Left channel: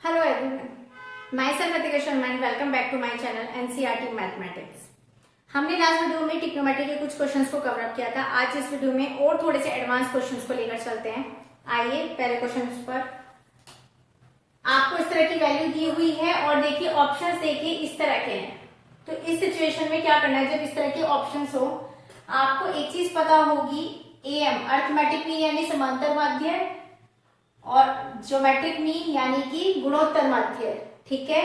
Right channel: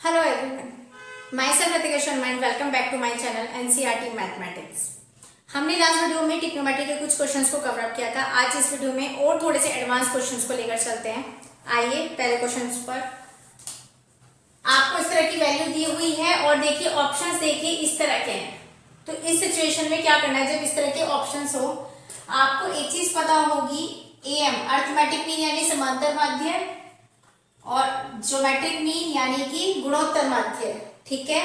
Hello everyone, myself Ratika Sharma and welcome back to my channel NCERT Mathematics। हमने last video में trigonometry के कुछ questions को cover up किया था। आज इस वीडियो में और थोड़े से एडवांस क्वेश्चंस को लेकर चलते हैं। आइए पहले क्वेश्चंस पर। आपको इस तरह की वैल्यू दी हुई है और देखिए ऑप्शंस देखिए इस तरह के हैं। तो इस सिचुएशन में क्या करना है, जब इस तरह के ऑप्शंस हो आपको एक चीज पता होगी, AM अर्थमेटिक मीन यानी समांतर माध्य और ज्योमेट्रिक मीन यानी कि गुणोत्तर माध्य। ठीक है,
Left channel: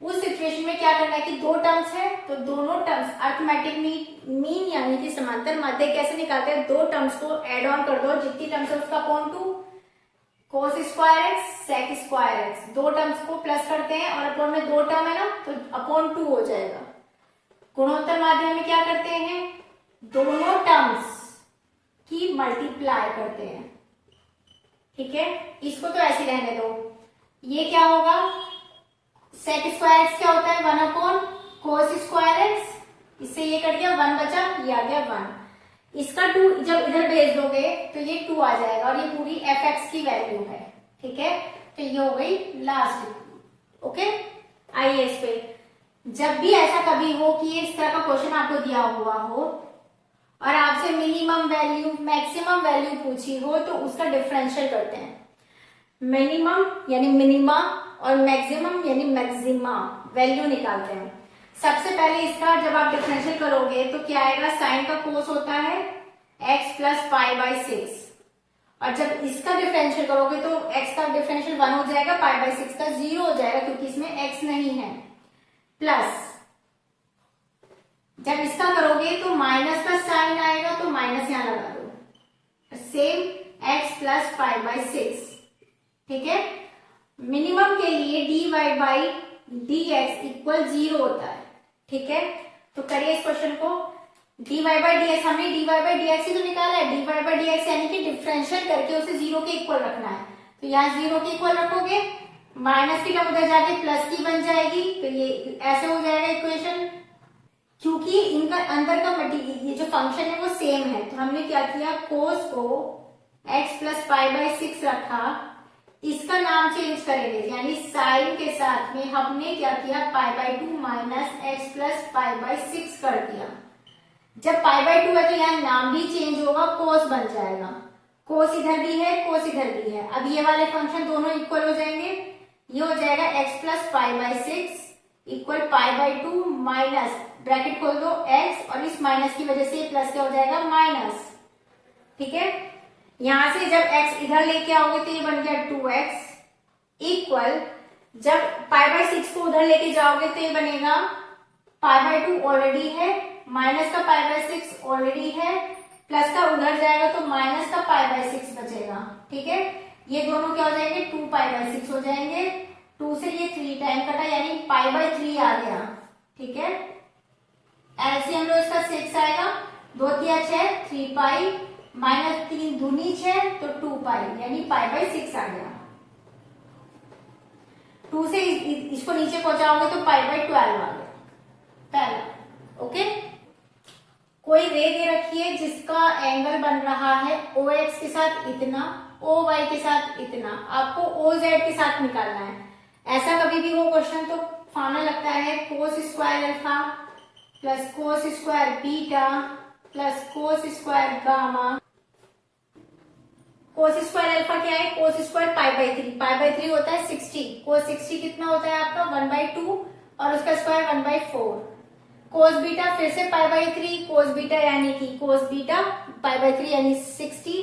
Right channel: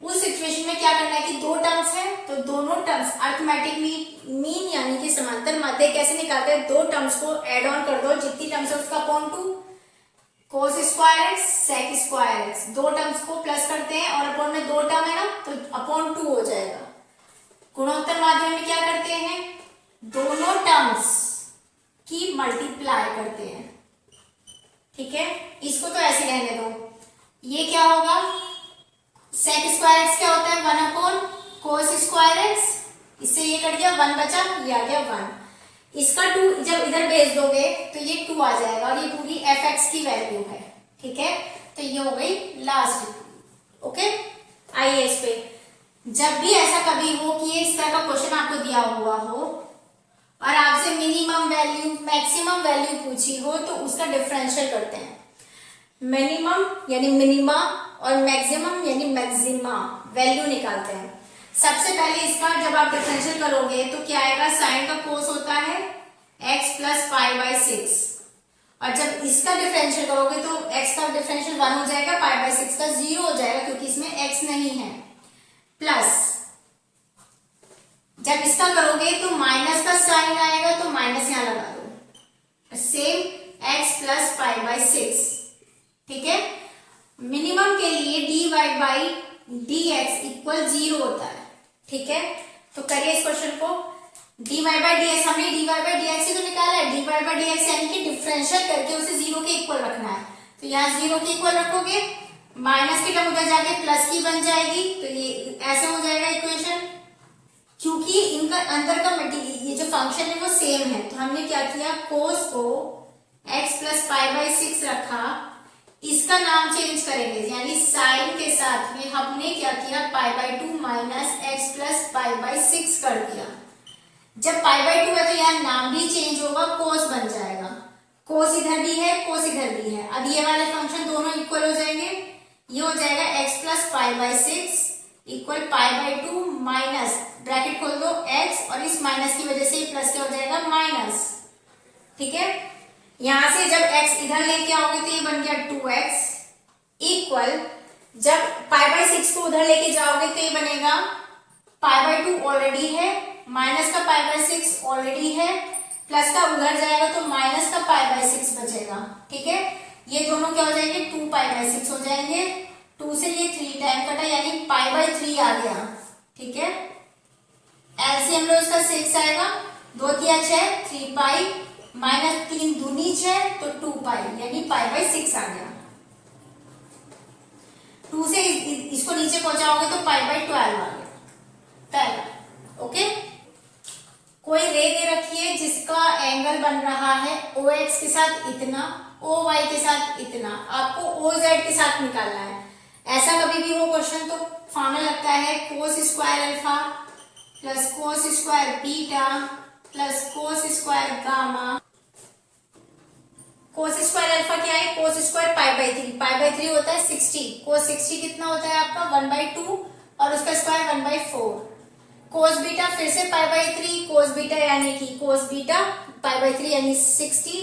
उस सिचुएशन में क्या करना है कि दो टर्म्स है तो दोनों टर्म्स अर्थमेटिक मीन यानी कि समांतर माध्य कैसे निकालते हैं, दो टर्म्स को एड ऑन कर दो, जितनी टर्म्स है उसका upon 2 cos square x sec square x, दो टर्म्स को प्लस करते हैं और अपॉन में दो टर्म है ना तो अपॉन 2 हो जाएगा। गुणोत्तर माध्य में क्या करते हैं, दोनों टर्म्स की मल्टीप्लाई करते हैं। ठीक है, इसको तो ऐसे रहने दो। ये क्या होगा, सेक स्क्वायर एक्स क्या होता है 1 अपॉन कोस स्क्वायर एक्स, इससे ये कट गया 1 बचा, ये आ गया 1। इसका 2 जब इधर भेज दोगे तो ये 2 आ जाएगा और ये पूरी एफ एक्स की वैल्यू है। ठीक है, तो ये हो गई लास्ट। ओके, आइए इस पे, जब भी ऐसा कभी हो कि ये इस तरह का क्वेश्चन आपको दिया हुआ हो और आपसे मिनिमम वैल्यू मैक्सिमम वैल्यू पूछी हो तो उसका डिफरेंशियल करते हैं। मिनिमम यानी मिनिमा और मैक्सिमम यानी मैक्सिमा वैल्यू निकालते हैं। सबसे पहले इसका जब आप डिफरेंशियल करोगे तो क्या आएगा, साइन का कोस होता है x प्लस पाई बाई 6 और जब इसका डिफरेंशियल करोगे तो x का डिफरेंशियल 1 हो जाएगा, पाई बाई 6 का 0 हो जाएगा क्योंकि इसमें x नहीं है, प्लस जब इसका करोगे तो माइनस का साइन आएगा तो माइनस यहां लगा दो, same x plus pi by 6। ठीक है, मिनिमम के लिए dy बाई dx इक्वल 0 होता है। ठीक है, तो करिए इस क्वेश्चन को, dy बाई dx, हमने dy बाई dx ही तो निकाला है, dy बाई dx यानी कि डिफरेंशियल करके उसे 0 के इक्वल रखना है। तो यहाँ 0 के इक्वल रखोगे, माइनस की टर्म उधर जाके प्लस की बन जाएगी, तो ये ऐसे हो जाएगा इक्वेशन। क्योंकि इनका अंदर का ये जो फंक्शन है वो सेम है तो हमने क्या किया, कोस को x प्लस पाई बाई 6 रखा, इसका नाम चेंज करेंगे यानी साइन के साथ में हमने क्या किया, pi by 2 minus x plus pi by 6 कर दिया। जब पाई बाई 2 है तो यहाँ नाम भी चेंज होगा, कोस बन जाएगा, कोस इधर भी है कोस इधर भी है, अब ये वाले फंक्शन दोनों इक्वल हो जाएंगे, ये हो जाएगा x plus pi by 6 equal pi by 2 minus bracket खोल दो x और इस माइनस की वजह से प्लस क्या हो जाएगा माइनस। ठीक है, यहां से जब x इधर लेके आओगे तो ये बन गया 2x इक्वल, जब पाई बाई 6 को उधर लेके जाओगे तो ये बनेगा पाई बाई 2 ऑलरेडी है, माइनस का पाई बाई 6 ऑलरेडी है, प्लस का उधर जाएगा तो माइनस का पाई बाई 6 बचेगा। ठीक है, ये दोनों क्या हो जाएंगे 2 पाई बाई 6 हो जाएंगे, 2 से ये 3 टाइम कटा यानी पाई बाई 3 आ गया। ठीक है, एलसीएम लो इसका 6 आएगा, 2 तिया 6 3 पाई माइनस 3 दूनी 6 तो 2 पाई यानी पाई बाई 6 आ गया। 2 से इसको नीचे पहुंचाओगे तो पाई बाई 12 आ गया, 12। ओके, कोई रे दे रखी है जिसका एंगल बन रहा है OX के साथ इतना, OY के साथ इतना, आपको OZ के साथ निकालना है। ऐसा कभी भी हो क्वेश्चन तो फॉर्मूला लगता है cos square alpha plus cos square beta plus cos square gamma. Cos square alpha क्या है, cos square pi by 3, pi by 3 होता है 60, कोस 60 कितना होता है आपका 1/2 और उसका स्क्वायर 1/4। कोस बीटा फिर से पाई बाई 3, कोस बीटा यानी कि कोस बीटा पाई बाई 3 यानी 60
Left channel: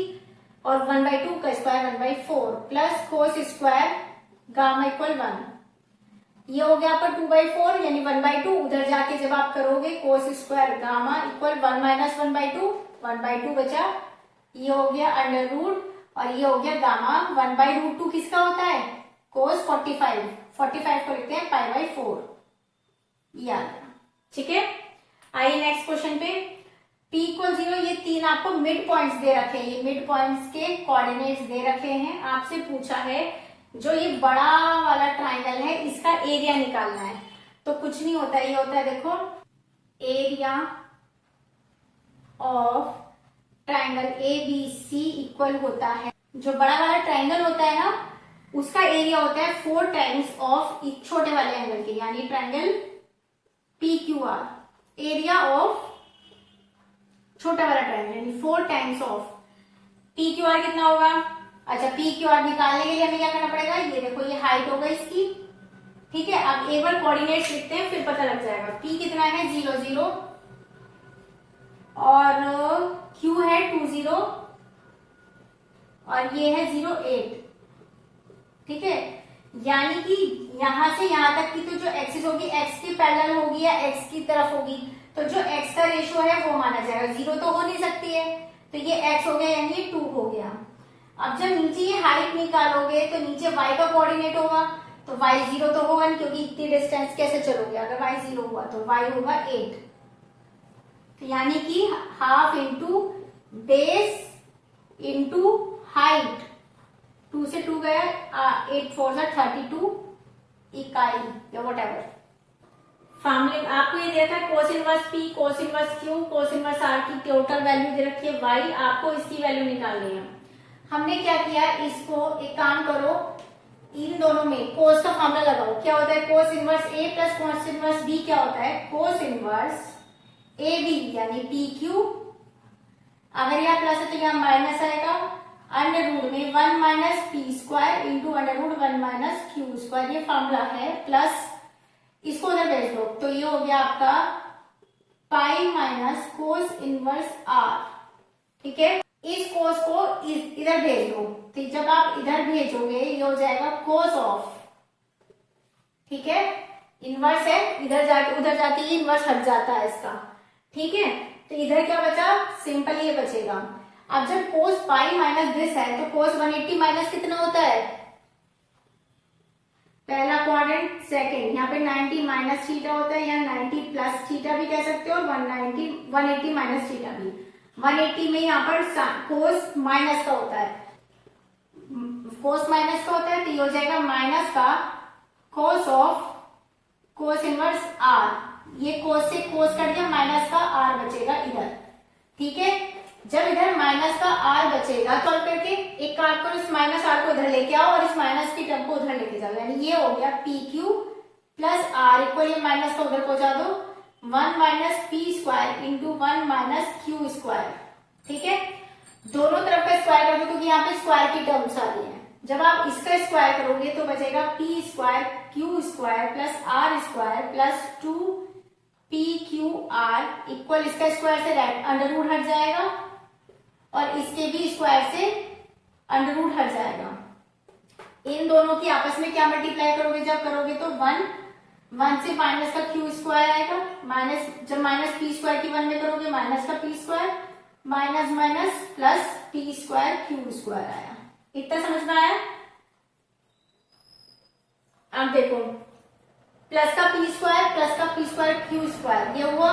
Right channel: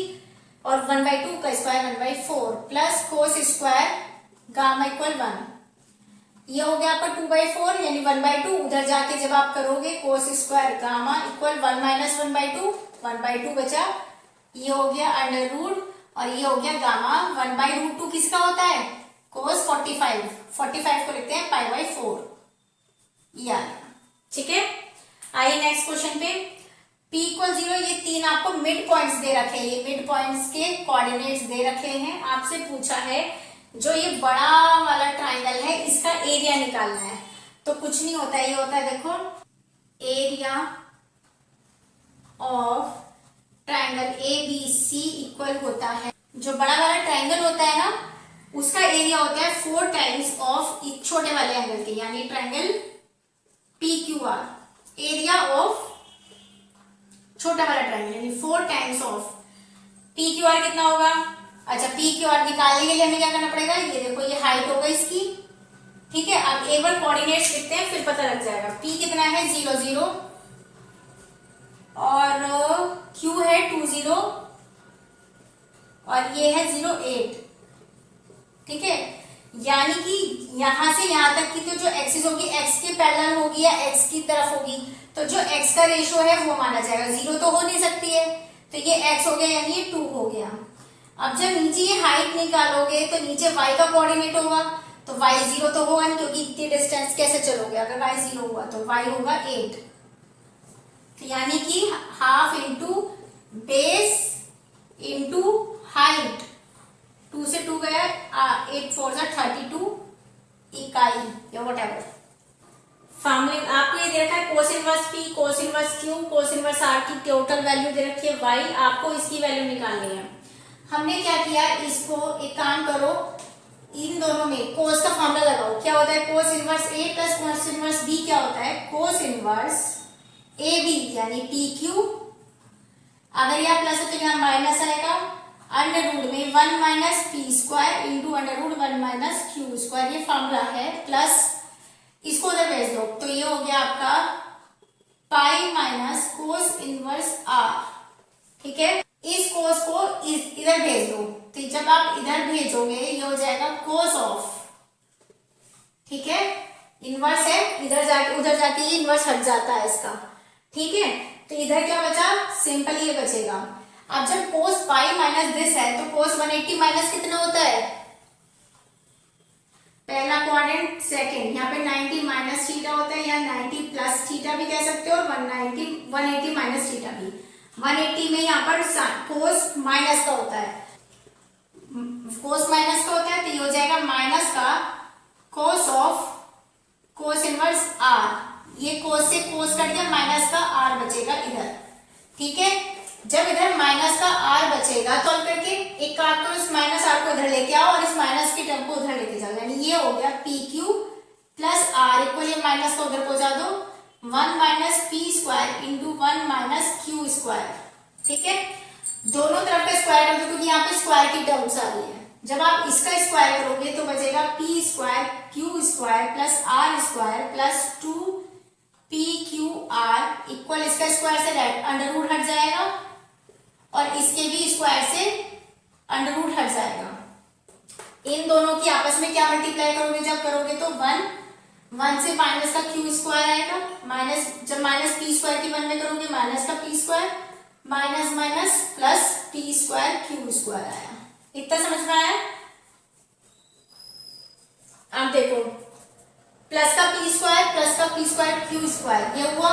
और 1/2 का square 1/4 plus cos square gamma equal 1, ये हो गया आपका 2/4 यानी 1/2, उधर जाके जब आप करोगे cos square gamma equal 1 minus 1/2, 1/2 बचा, ये हो गया अंडर रूट और ये हो गया गामा 1/√2 किसका होता है कोस 45, 45 को लिखते हैं पाई बाई 4, ये आ गया। ठीक है, आइए नेक्स्ट क्वेश्चन पे, p इक्वल 0, ये 3 आपको मिड पॉइंट्स दे रखे हैं, ये मिड पॉइंट्स के कोऑर्डिनेट्स दे रखे हैं। आपसे पूछा है जो ये बड़ा वाला ट्राइंगल है इसका एरिया निकालना है, तो कुछ नहीं होता है, ये होता है देखो area of triangle ABC equal होता है, जो बड़ा वाला ट्राइंगल होता है ना उसका एरिया होता है 4 टाइम्स ऑफ एक छोटे वाले एंगल के, यानी triangle P q are, area of छोटा वाला ट्रायंगल यानी 4 times of P q are कितना होगा। अच्छा, पी क्यू आर निकालने के लिए हमें क्या करना पड़ेगा, ये देखो ये हाइट होगा इसकी, ठीक है। अब एक बार कोऑर्डिनेट्स लिखते हैं फिर पता लग जाएगा। पी कितना है 0 0 और क्यू है 2 0 और ये है 0 8, ठीक है। यानी कि यहां से यहां तक की तो जो एक्सिस होगी एक्स के पैरेलल होगी या एक्स की तरफ होगी, तो जो एक्स का रेशियो है वो माना जाएगा। 0 तो हो नहीं सकती है, तो ये x हो गया यानी ये 2 हो गया। अब जब नीचे ये हाइट निकालोगे तो नीचे y का कोऑर्डिनेट होगा, तो y 0 तो होगा नहीं क्योंकि इतनी डिस्टेंस कैसे चलोगे। अगर y 0 हुआ तो y होगा 8, तो यानी कि half into base into height, 2 से 2 गया, 8 4 32 इकाई या व्हाटएवर। फॉर्मूले आपको ये दे रखा है cos inverse p, cos inverse q, cos inverse r की टोटल वैल्यू दे रखी है वाई, आपको इसकी वैल्यू निकालनी है। हमने क्या किया, इसको एक काम करो, इन दोनों में कोस का फॉर्मूला लगाओ। क्या होता है कोस इनवर्स ए प्लस कोस इनवर्स बी, क्या होता है कोस इनवर्स ए बी यानी पी क्यू। अगर यहाँ प्लस है तो यहाँ माइनस आएगा, अंडर रूट में 1 minus p square into under root 1 minus q square, ये फॉर्मूला है। प्लस इसको उधर भेज दो तो ये हो गया आपका pi minus cos inverse r, ठीक है। इस कोस को इधर भेज दो, तो जब आप इधर भेजोगे ये हो जाएगा कोस ऑफ, ठीक है। इनवर्स है, इधर जाके उधर जाके ये इनवर्स हट जाता है इसका, ठीक है। तो इधर क्या बचा, सिंपल ये बचेगा। अब जब कोस पाई माइनस दिस है तो कोस 180 माइनस कितना होता है, पहला क्वाड्रेंट सेकंड, यहाँ पे 90 माइनस थीटा होता है या 90 प्लस थीटा भी कह सकते हो और 180 माइनस थीटा भी। 180 में यहाँ पर कोस माइनस का होता है, कोस माइनस का होता है, तो ये हो जाएगा माइनस का cos of cos inverse r. ये कोस से कोस कट गया, माइनस का आर बचेगा इधर, ठीक है। जब इधर माइनस का आर बचेगा तो करके एक काम करो, इस माइनस आर को इधर लेके आओ और इस माइनस की टर्म को उधर लेके जाओ, यानी ये हो गया p q plus r equal, ये माइनस को उधर पहुंचा दो 1 minus p square into 1 minus q square, ठीक है। दोनों तरफ का स्क्वायर कर दो क्योंकि यहाँ पे स्क्वायर की टर्म्स आ रही है। जब आप इसका स्क्वायर करोगे तो बचेगा p square q square plus r square plus 2 p q r equal, इसका स्क्वायर से अंडर रूट हट जाएगा और इसके भी स्क्वायर से अंडर रूट हट जाएगा। इन दोनों की आपस में क्या मल्टीप्लाई करोगे, जब करोगे तो 1 से माइनस का क्यू स्क्वायर आएगा, माइनस जब माइनस पी स्क्वायर की 1 में करोगे माइनस का P square, minus minus plus P square q square आया। इतना समझ में आया। अब देखो प्लस का पी स्क्वायर क्यू स्क्वायर ये हुआ,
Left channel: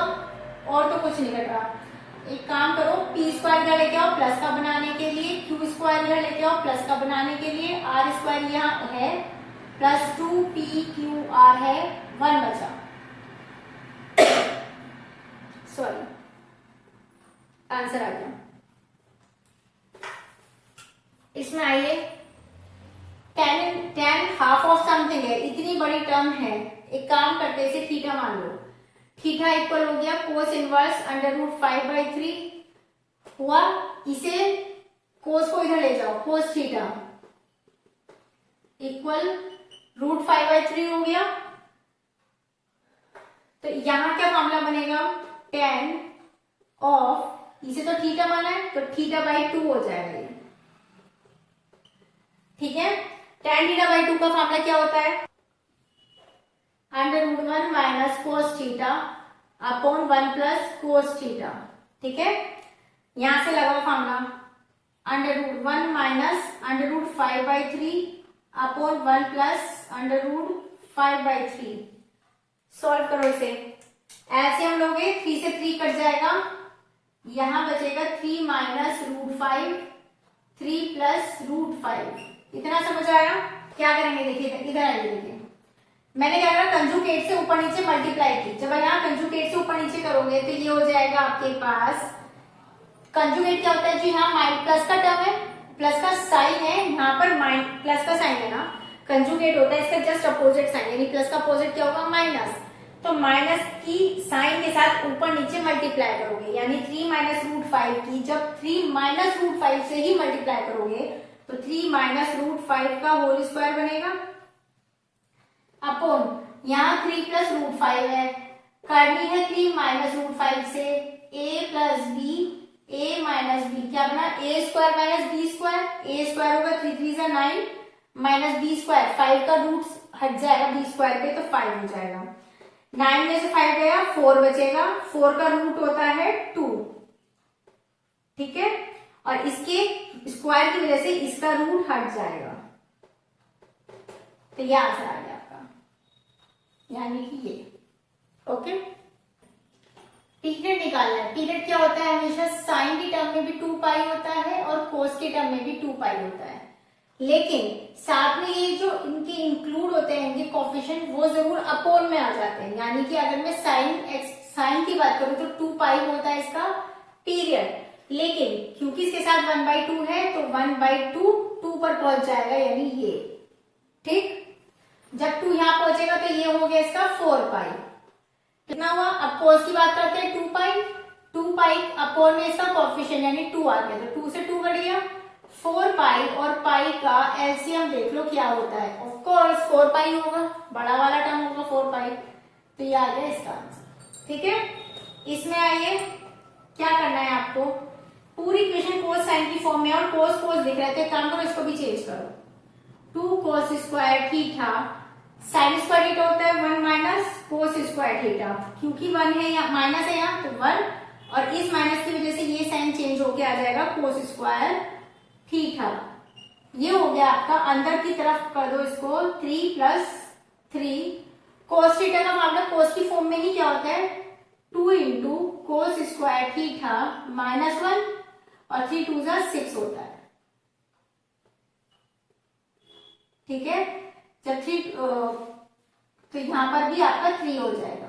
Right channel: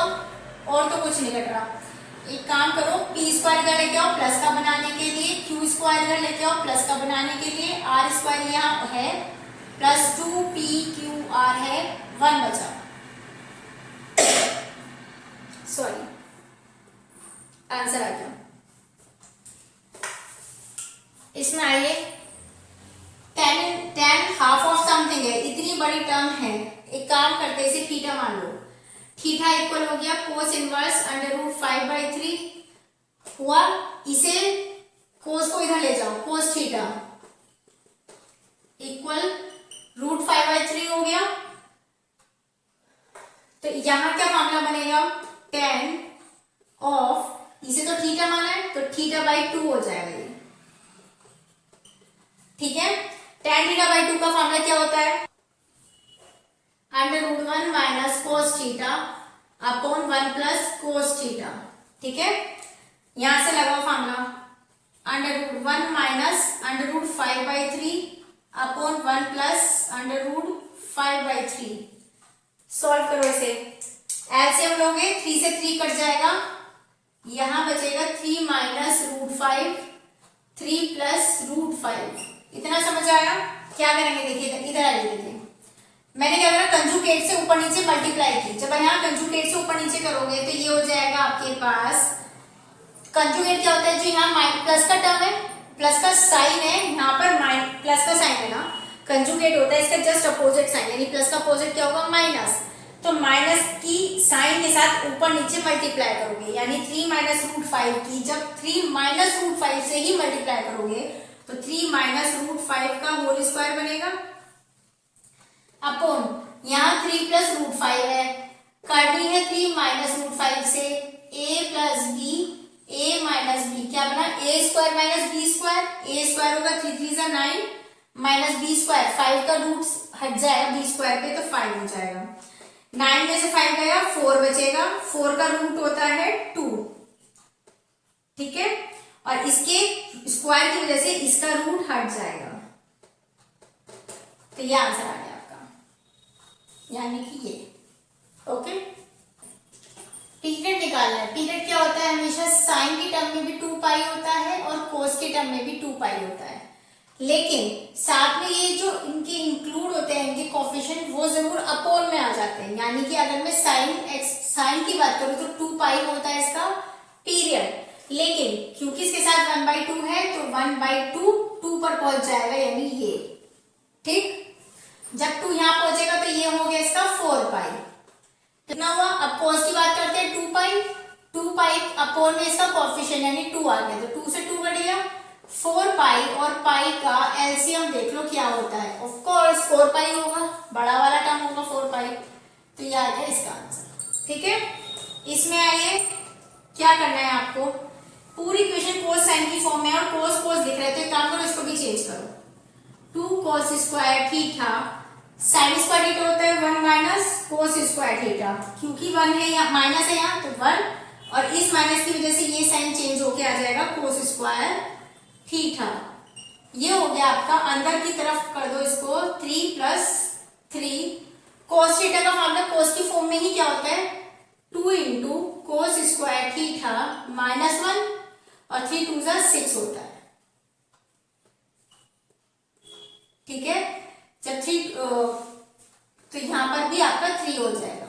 और तो कुछ नहीं घट रहा। एक काम करो, पी स्क्वायर इधर लेके आओ प्लस का बनाने के लिए, क्यू स्क्वायर इधर लेके आओ प्लस का बनाने के लिए, आर स्क्वायर यहाँ है प्लस 2 पी क्यू आर है, 1 बचा, सॉरी आंसर आ गया। इसमें आइए tan हाफ ऑफ समथिंग है, इतनी बड़ी टर्म है। एक काम करते इसे थीटा मान लो, थीटा इक्वल हो गया कोस इनवर्स अंडर रूट 5/3 हुआ। इसे कोस को इधर ले जाओ, कोस थीटा इक्वल रूट 5/3 हो गया। तो यहां क्या फॉर्मूला बनेगा, tan ऑफ, इसे तो थीटा माना है तो θ/2 हो जाएगा ये, ठीक है। tan θ/2 का फॉर्मूला क्या होता है, under root 1 minus cos theta upon 1 plus cos theta, ठीक है। यहां से लगाओ formula, under root 1 minus under root 5/3 upon 1 plus under root 5/3। Solve करो इसे, एलसीएम लोगे 3 से 3 कट जाएगा, यहां बचेगा 3 माइनस रूट 5, 3 प्लस रूट 5। इतना समझ आया। क्या करेंगे देखिए, इधर आइए देखिए, मैंने क्या करा कंजुगेट से ऊपर नीचे मल्टीप्लाई की। जब यहाँ कंजुगेट से ऊपर नीचे करोगे तो ये हो जाएगा आपके पास, कंजुगेट क्या होता है जी, यहाँ प्लस का टर्म है, प्लस का साइन है यहाँ पर, प्लस का साइन है ना, कंजुगेट होता है इसका जस्ट अपोजिट साइन, यानी प्लस का अपोजिट क्या होगा, माइनस। तो माइनस की साइन के साथ ऊपर नीचे मल्टीप्लाई करोगे, यानी 3 माइनस रूट 5 की जब 3 माइनस रूट 5 से ही मल्टीप्लाई करोगे तो 3 माइनस रूट 5 का होल स्क्वायर बनेगा, अपॉन यहाँ 3 प्लस रूट 5 है, करनी है 3 माइनस रूट 5 से a plus b, a minus b क्या बना, a square minus B square, a square होगा 3 3 जा 9 माइनस बी स्क्वायर, 5 का रूट हट जाएगा बी स्क्वायर पे तो 5 हो जाएगा, 9 में से 5 गया 4 बचेगा, 4 का रूट होता है 2, ठीक है, और इसके स्क्वायर की वजह से इसका रूट हट जाएगा, तो ये आंसर आ गया आपका, यानी कि ये। ओके, पीरियड निकालना है। पीरियड क्या होता है, हमेशा साइन की टर्म में भी 2 पाई होता है और कोस के टर्म में भी 2 पाई होता है, लेकिन साथ में ये जो इनके इंक्लूड होते हैं इनके कोफिशिएंट वो जरूर अपोन में आ जाते हैं, यानी कि अगर मैं साइन की बात करूं तो 2 पाई होता है इसका पीरियड, लेकिन क्योंकि इसके साथ 1/2 है तो 1/2 2 पर पहुंच जाएगा, यानी ये, ठीक, जब 2 यहां पहुंचेगा तो ये हो गया इसका 4 पाई, कितना हुआ। अब कोस की बात करते हैं, 2 पाई अपोन में इसका कोफिशिएंट यानी 2 आ गया, तो 2 से 2 कट गया, 4 पाई और पाई का एलसीएम देख लो क्या होता है, ऑफ कोर्स 4 पाई होगा, बड़ा वाला टर्म होगा 4 पाई, तो ये आ गया इसका आंसर, ठीक है। इसमें आइए क्या करना है आपको, पूरी इक्वेशन कोस साइन की फॉर्म में और कोस कोस दिख रहा है तो एक काम करो इसको भी चेंज करो, 2 cos square theta, sine square theta होता है 1 माइनस कोस स्क्वायर थीटा, क्योंकि 1 है या माइनस है यहाँ तो 1, और इस माइनस की वजह से ये साइन चेंज होके आ जाएगा कोस स्क्वायर थीटा, ये हो गया आपका। अंदर की तरफ कर दो इसको 3 प्लस 3, कोस थीटा का मामला कोस की फॉर्म में ही क्या होता है 2 into cos square theta minus 1 और 3 2 जा 6 होता है, ठीक है। जब 3 तो यहां पर भी आपका 3 हो जाएगा,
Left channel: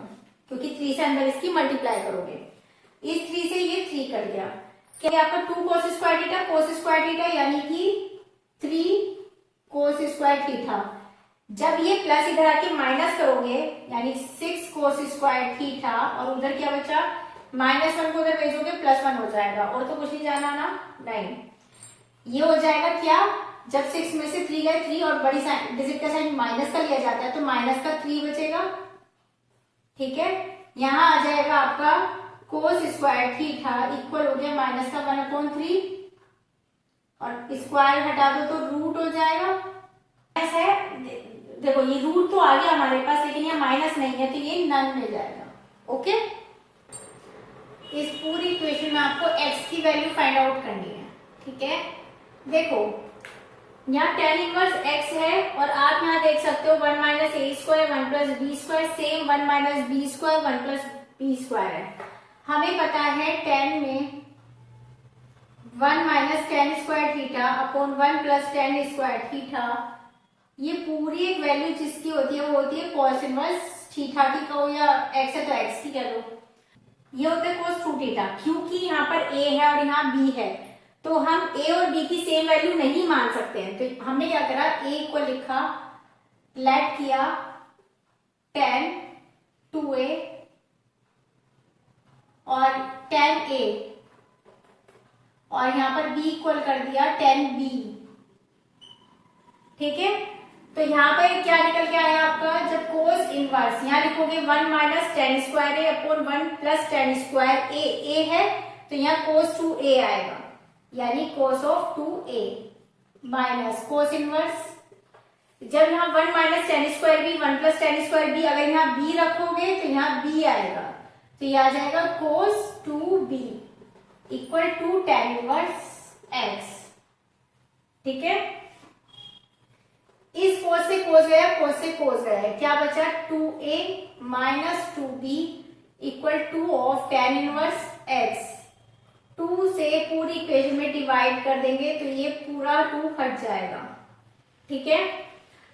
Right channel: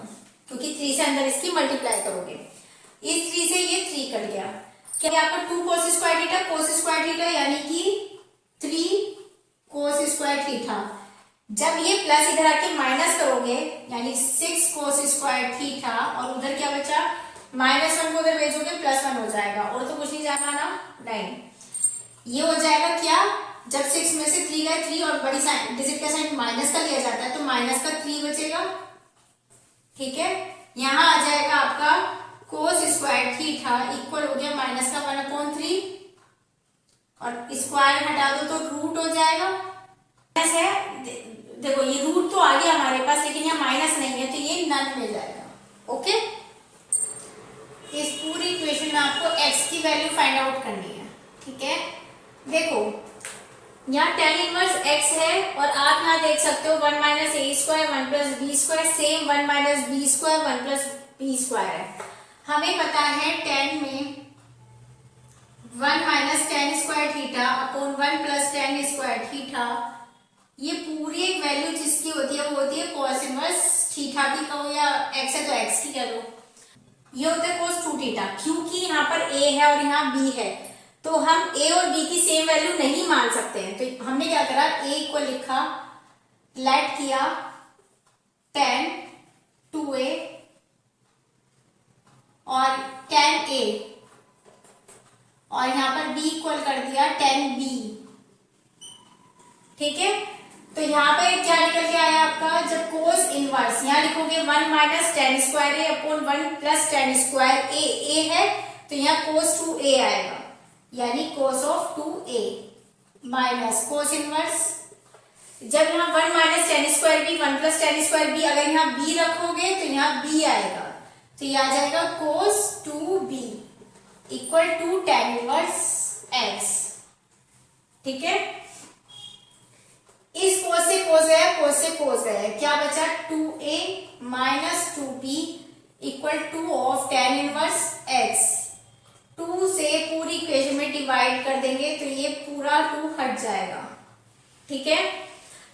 क्योंकि 3 से अंदर इसकी मल्टीप्लाई करोगे, इस 3 से ये 3 कट गया, क्या आपका 2 cos square theta, cos square theta यानी कि 3 कोस स्क्वायर थीटा, जब ये प्लस इधर आके माइनस करोगे यानी 6 कोस स्क्वायर थीटा, और उधर क्या बचा -1 को उधर भेजोगे +1 हो जाएगा, और तो कुछ नहीं जाना ना, नहीं, ये हो जाएगा क्या, जब 6 में से 3 गए 3 और बड़ी डिजिट का साइन माइनस का लिया जाता है तो माइनस का 3 बचेगा, ठीक है। यहां आ जाएगा आपका कोस स्क्वायर थीटा इक्वल हो गया माइनस का 1/3, और स्क्वायर हटा दो तो रूट हो जाएगा, है देखो ये रूट तो आ गया हमारे पास, लेकिन यहाँ माइनस नहीं है तो ये नन में जाएगा, ओके। इस पूरी इक्वेशन में आपको x की वैल्यू फाइंड आउट करनी है, ठीक है। देखो यहाँ tan इनवर्स x है, और आप यहाँ देख सकते हो 1 minus A square 1 plus B square, same 1 minus B square 1 plus B square है। हमें पता है tan में 1 minus tan square theta upon 1 plus tan square theta, ये पूरी एक वैल्यू जिसकी होती है वो होती है cos इनवर्स थीटा की, कहो या x है तो x की कह लो, ये होता है cos 2 थीटा। क्योंकि यहाँ पर a है और यहाँ b है तो हम a और b की सेम वैल्यू नहीं मान सकते हैं, तो हमने क्या करा, a को लिखा, लेट किया tan 2a और tan a, और यहाँ पर b इक्वल कर दिया tan b, ठीक है। तो यहाँ पर क्या निकल के आया आपका, जब कोस इनवर्स यहाँ लिखोगे 1 minus tan square a upon 1 plus tan square a है तो यहाँ cos 2a आएगा, यानी cos of 2a minus cos inverse, जब यहाँ 1 minus tan square b 1 plus tan square b, अगर यहाँ b रखोगे तो यहाँ b आएगा, तो ये आ जाएगा cos 2b equal to tan inverse x, ठीक है। इस कोस से कोस गया, कोस से कोस गया, क्या बचा 2a minus 2b equal two of tan inverse x, 2 से पूरी इक्वेशन में डिवाइड कर देंगे तो ये पूरा 2 हट जाएगा, ठीक है।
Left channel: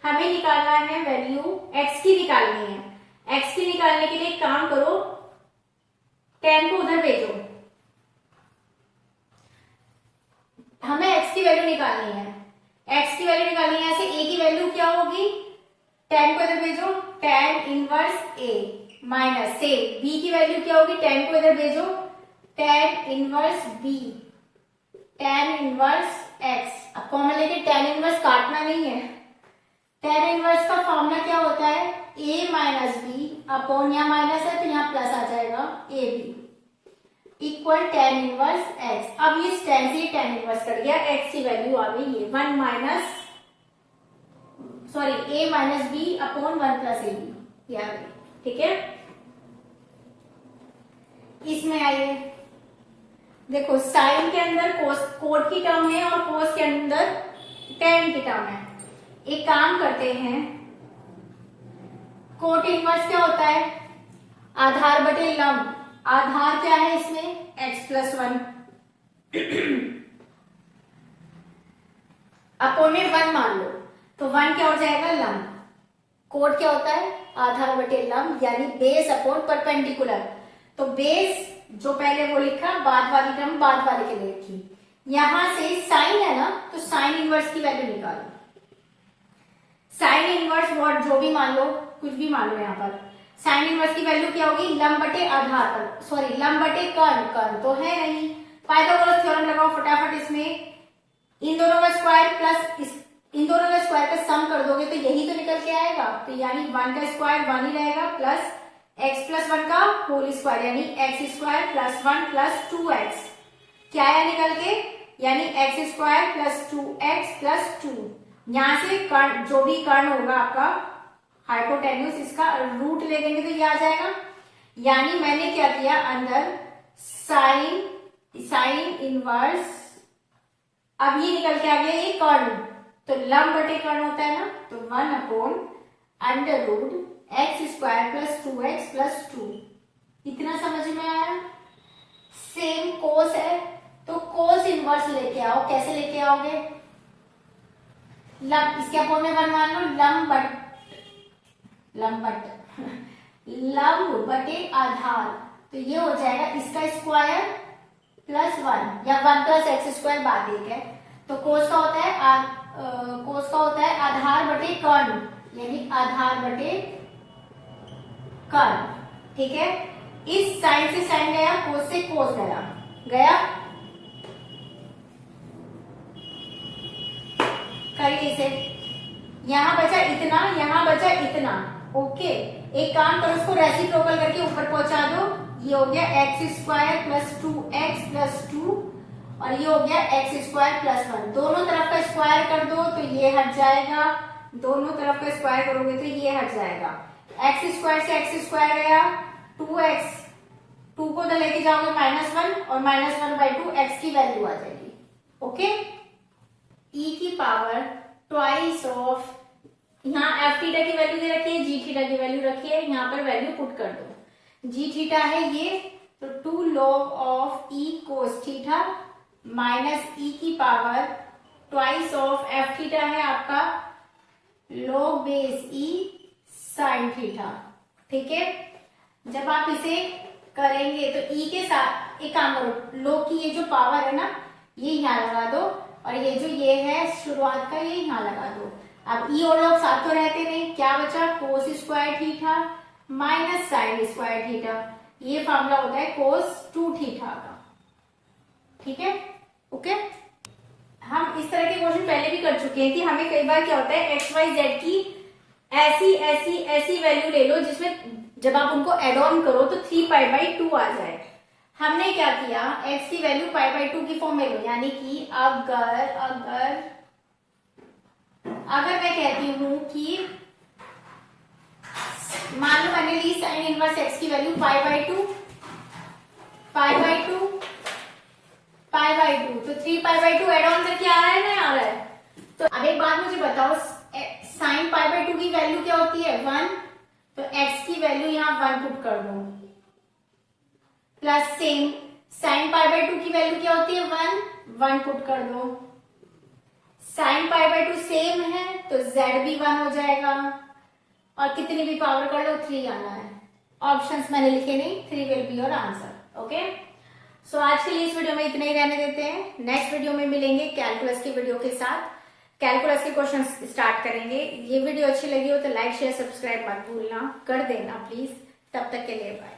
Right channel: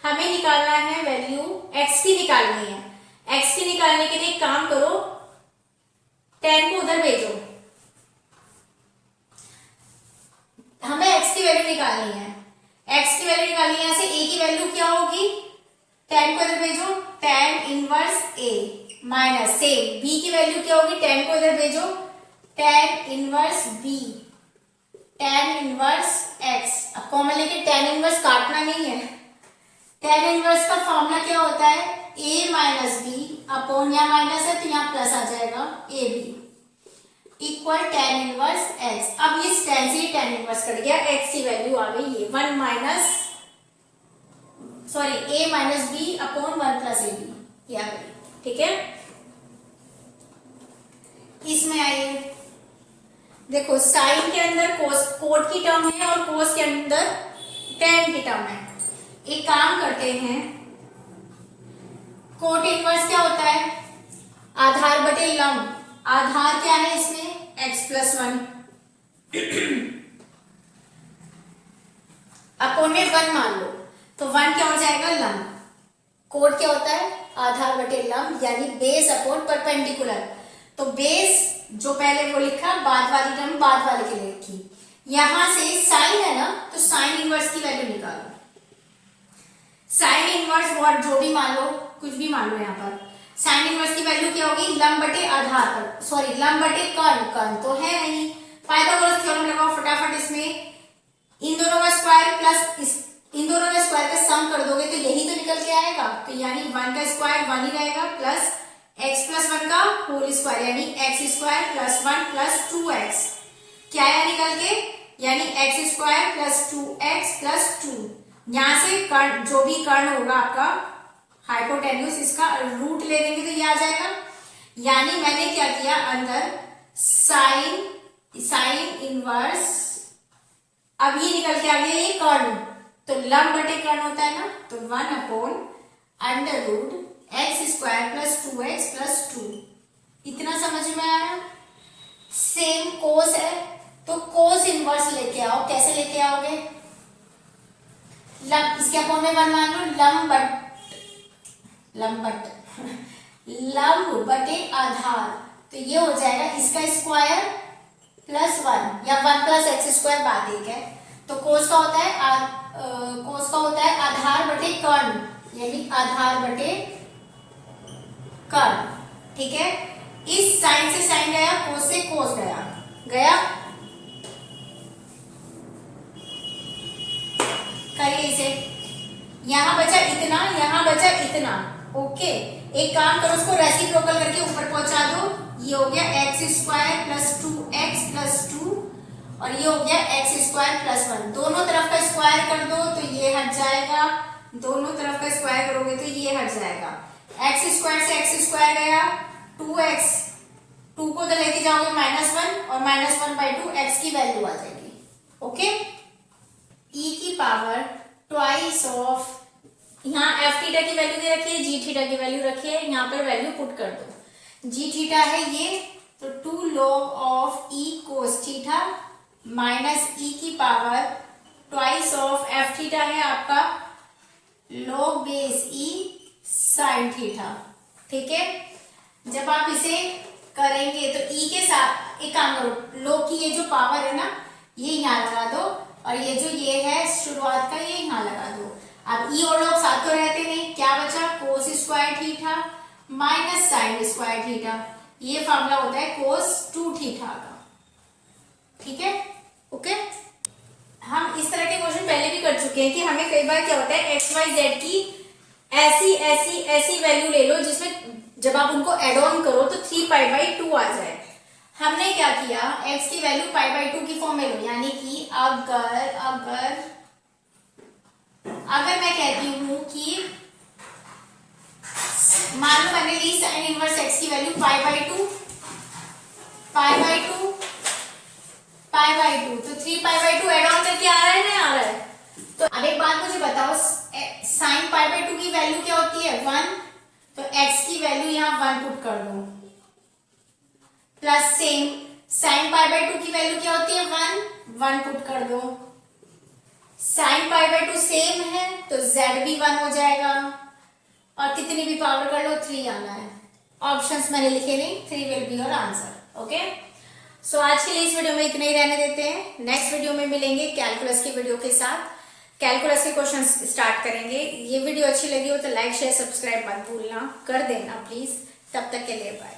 हमें निकालना है वैल्यू x की निकालनी है, x की निकालने के लिए एक काम करो, tan को उधर भेजो, हमें x की वैल्यू निकालनी है, x की वैल्यू निकालनी है। यहाँ से a की वैल्यू क्या होगी, tan को इधर भेजो, tan इनवर्स a माइनस से b की वैल्यू क्या होगी, tan को इधर भेजो, tan inverse b, tan inverse x। अब कॉमन लेके tan इनवर्स काटना नहीं है। tan इनवर्स का फॉर्मूला क्या होता है, a माइनस बी अपॉन, यहाँ माइनस है तो यहाँ प्लस आ जाएगा, a b equal tan inverse x। अब इस tan से tan इनवर्स कट गया, x की वैल्यू आ गई ये 1 minus sorry a minus b upon 1 plus a b, ये आ गई। ठीक है, इसमें आइए देखो, साइन के अंदर कोस कोट की टर्म है और कोस के अंदर tan की टर्म है। एक काम करते हैं, कोट इनवर्स क्या होता है, आधार बटे लंब। आधार क्या है इसमें, x प्लस 1 अपोन में 1 मान लो तो 1 क्या हो जाएगा, लंब। कोट क्या होता है, आधार बटे लंब, यानी बेस अपॉन परपेंडिकुलर। तो बेस जो पहले वो लिखा, बाद वाली टर्म बाद वाले के लिए लिखी। यहां से साइन है ना, तो साइन इनवर्स की वैल्यू निकालो। साइन इनवर्स वर्ड जो भी मान लो, कुछ भी मान लो, यहाँ पर साइन इनवर्स की वैल्यू क्या होगी, लंब बटे आधार पर, सॉरी लंब बटे कर्ण, कर्ण तो है नहीं। पाइथागोरस थ्योरम लगाओ फटाफट। इसमें इन दोनों का स्क्वायर प्लस इन दोनों का स्क्वायर का सम कर दोगे तो यही तो निकल के आएगा। तो यानी 1 का स्क्वायर 1 ही रहेगा, प्लस x प्लस 1 का होल स्क्वायर, यानी x square plus 1 plus 2x। क्या आया निकल के, यानी x square plus 2x plus 2। यहां से कर्ण, जो भी कर्ण होगा आपका हाइपोटेन्यूस, इसका रूट ले देंगे तो ये आ जाएगा। यानी मैंने क्या किया, अंदर साइन इनवर्स, अब ये निकल के आ गया ये कर्ण, तो लंब बटे कर्ण होता है ना, तो 1 upon under root x square plus 2x plus 2। इतना समझ में आया। सेम कोस है तो कोस इनवर्स लेके आओ। कैसे लेके आओगे, लंब, इसके अपॉन में 1 मान लो, लंब बटे आधार, तो ये हो जाएगा इसका स्क्वायर प्लस 1 या 1 प्लस एक्स स्क्वायर बाद एक है। तो कोस का होता है आधार बटे कर्ण, यानी आधार बटे कर्ण। ठीक है, इस साइन से साइन गया, कोस से कोस गया। करिए इसे, यहां बचा इतना, यहां बचा इतना। ओके, एक काम करो, उसको रेसिप्रोकल करके ऊपर पहुंचा दो। ये हो गया x square plus 2x plus 2 और ये हो गया एक्स स्क्वायर प्लस 1। दोनों तरफ का स्क्वायर कर दो तो ये हट जाएगा, दोनों तरफ का स्क्वायर करोगे तो ये हट जाएगा। एक्स स्क्वायर से एक्स स्क्वायर गया, 2x, 2 को तो लेके जाओगे -1 और -1/2 x की वैल्यू आ जाएगी। ओके, e की पावर ट्वाइस ऑफ, यहाँ एफ थीटा की वैल्यू दे रखी है, जी थीटा की वैल्यू रखी है, यहाँ पर वैल्यू पुट कर दो। जी थीटा है ये, तो 2 log of e cos theta minus e की power twice of F theta है आपका log base e sine theta. ठीक है, जब आप इसे करेंगे तो e के साथ एक काम करो, log की ये जो पावर है ना, ये यहाँ लगा दो और ये जो ये है शुरुआत का, ये यहाँ लगा दो। अब e और log साथ तो रहते नहीं, क्या बचा, cos square theta minus sine square theta. ये फॉर्मूला होता है कोस 2 थीटा का। ठीक है, ओके। हम इस तरह के क्वेश्चन पहले भी कर चुके हैं कि हमें कई बार क्या होता है, एक्स वाई जेड की ऐसी वैल्यू ले लो जिसमें जब आप उनको एड ऑन करो तो 3π/2 आ जाए। हमने क्या किया, x की वैल्यू π/2 की फॉर्म में लो, यानी कि अगर मैं कहती हूं कि मान लो मैंने ली साइन इनवर्स x की वैल्यू π/2 तो 3π/2 एड ऑन करके आ रहा है ना, आ रहा है। तो अब एक बात मुझे बताओ, साइन π/2 की वैल्यू क्या होती है, 1, तो x की वैल्यू यहाँ 1 पुट कर दो, प्लस सेम साइन π/2 की वैल्यू क्या होती है, 1 पुट कर दो। साइन π/2 सेम है तो z भी 1 हो जाएगा, और कितनी भी पावर कर लो 3 आना है। ऑप्शंस मैंने लिखे नहीं, 3 will be your answer. Okay, so आज के लिए इस वीडियो में इतना ही रहने देते हैं। नेक्स्ट वीडियो में मिलेंगे कैलकुलस की वीडियो के साथ। कैलकुलस के क्वेश्चन स्टार्ट करेंगे। ये वीडियो अच्छी लगी हो तो लाइक शेयर सब्सक्राइब मत भूलना कर देना प्लीज। तब तक के लिए बाय।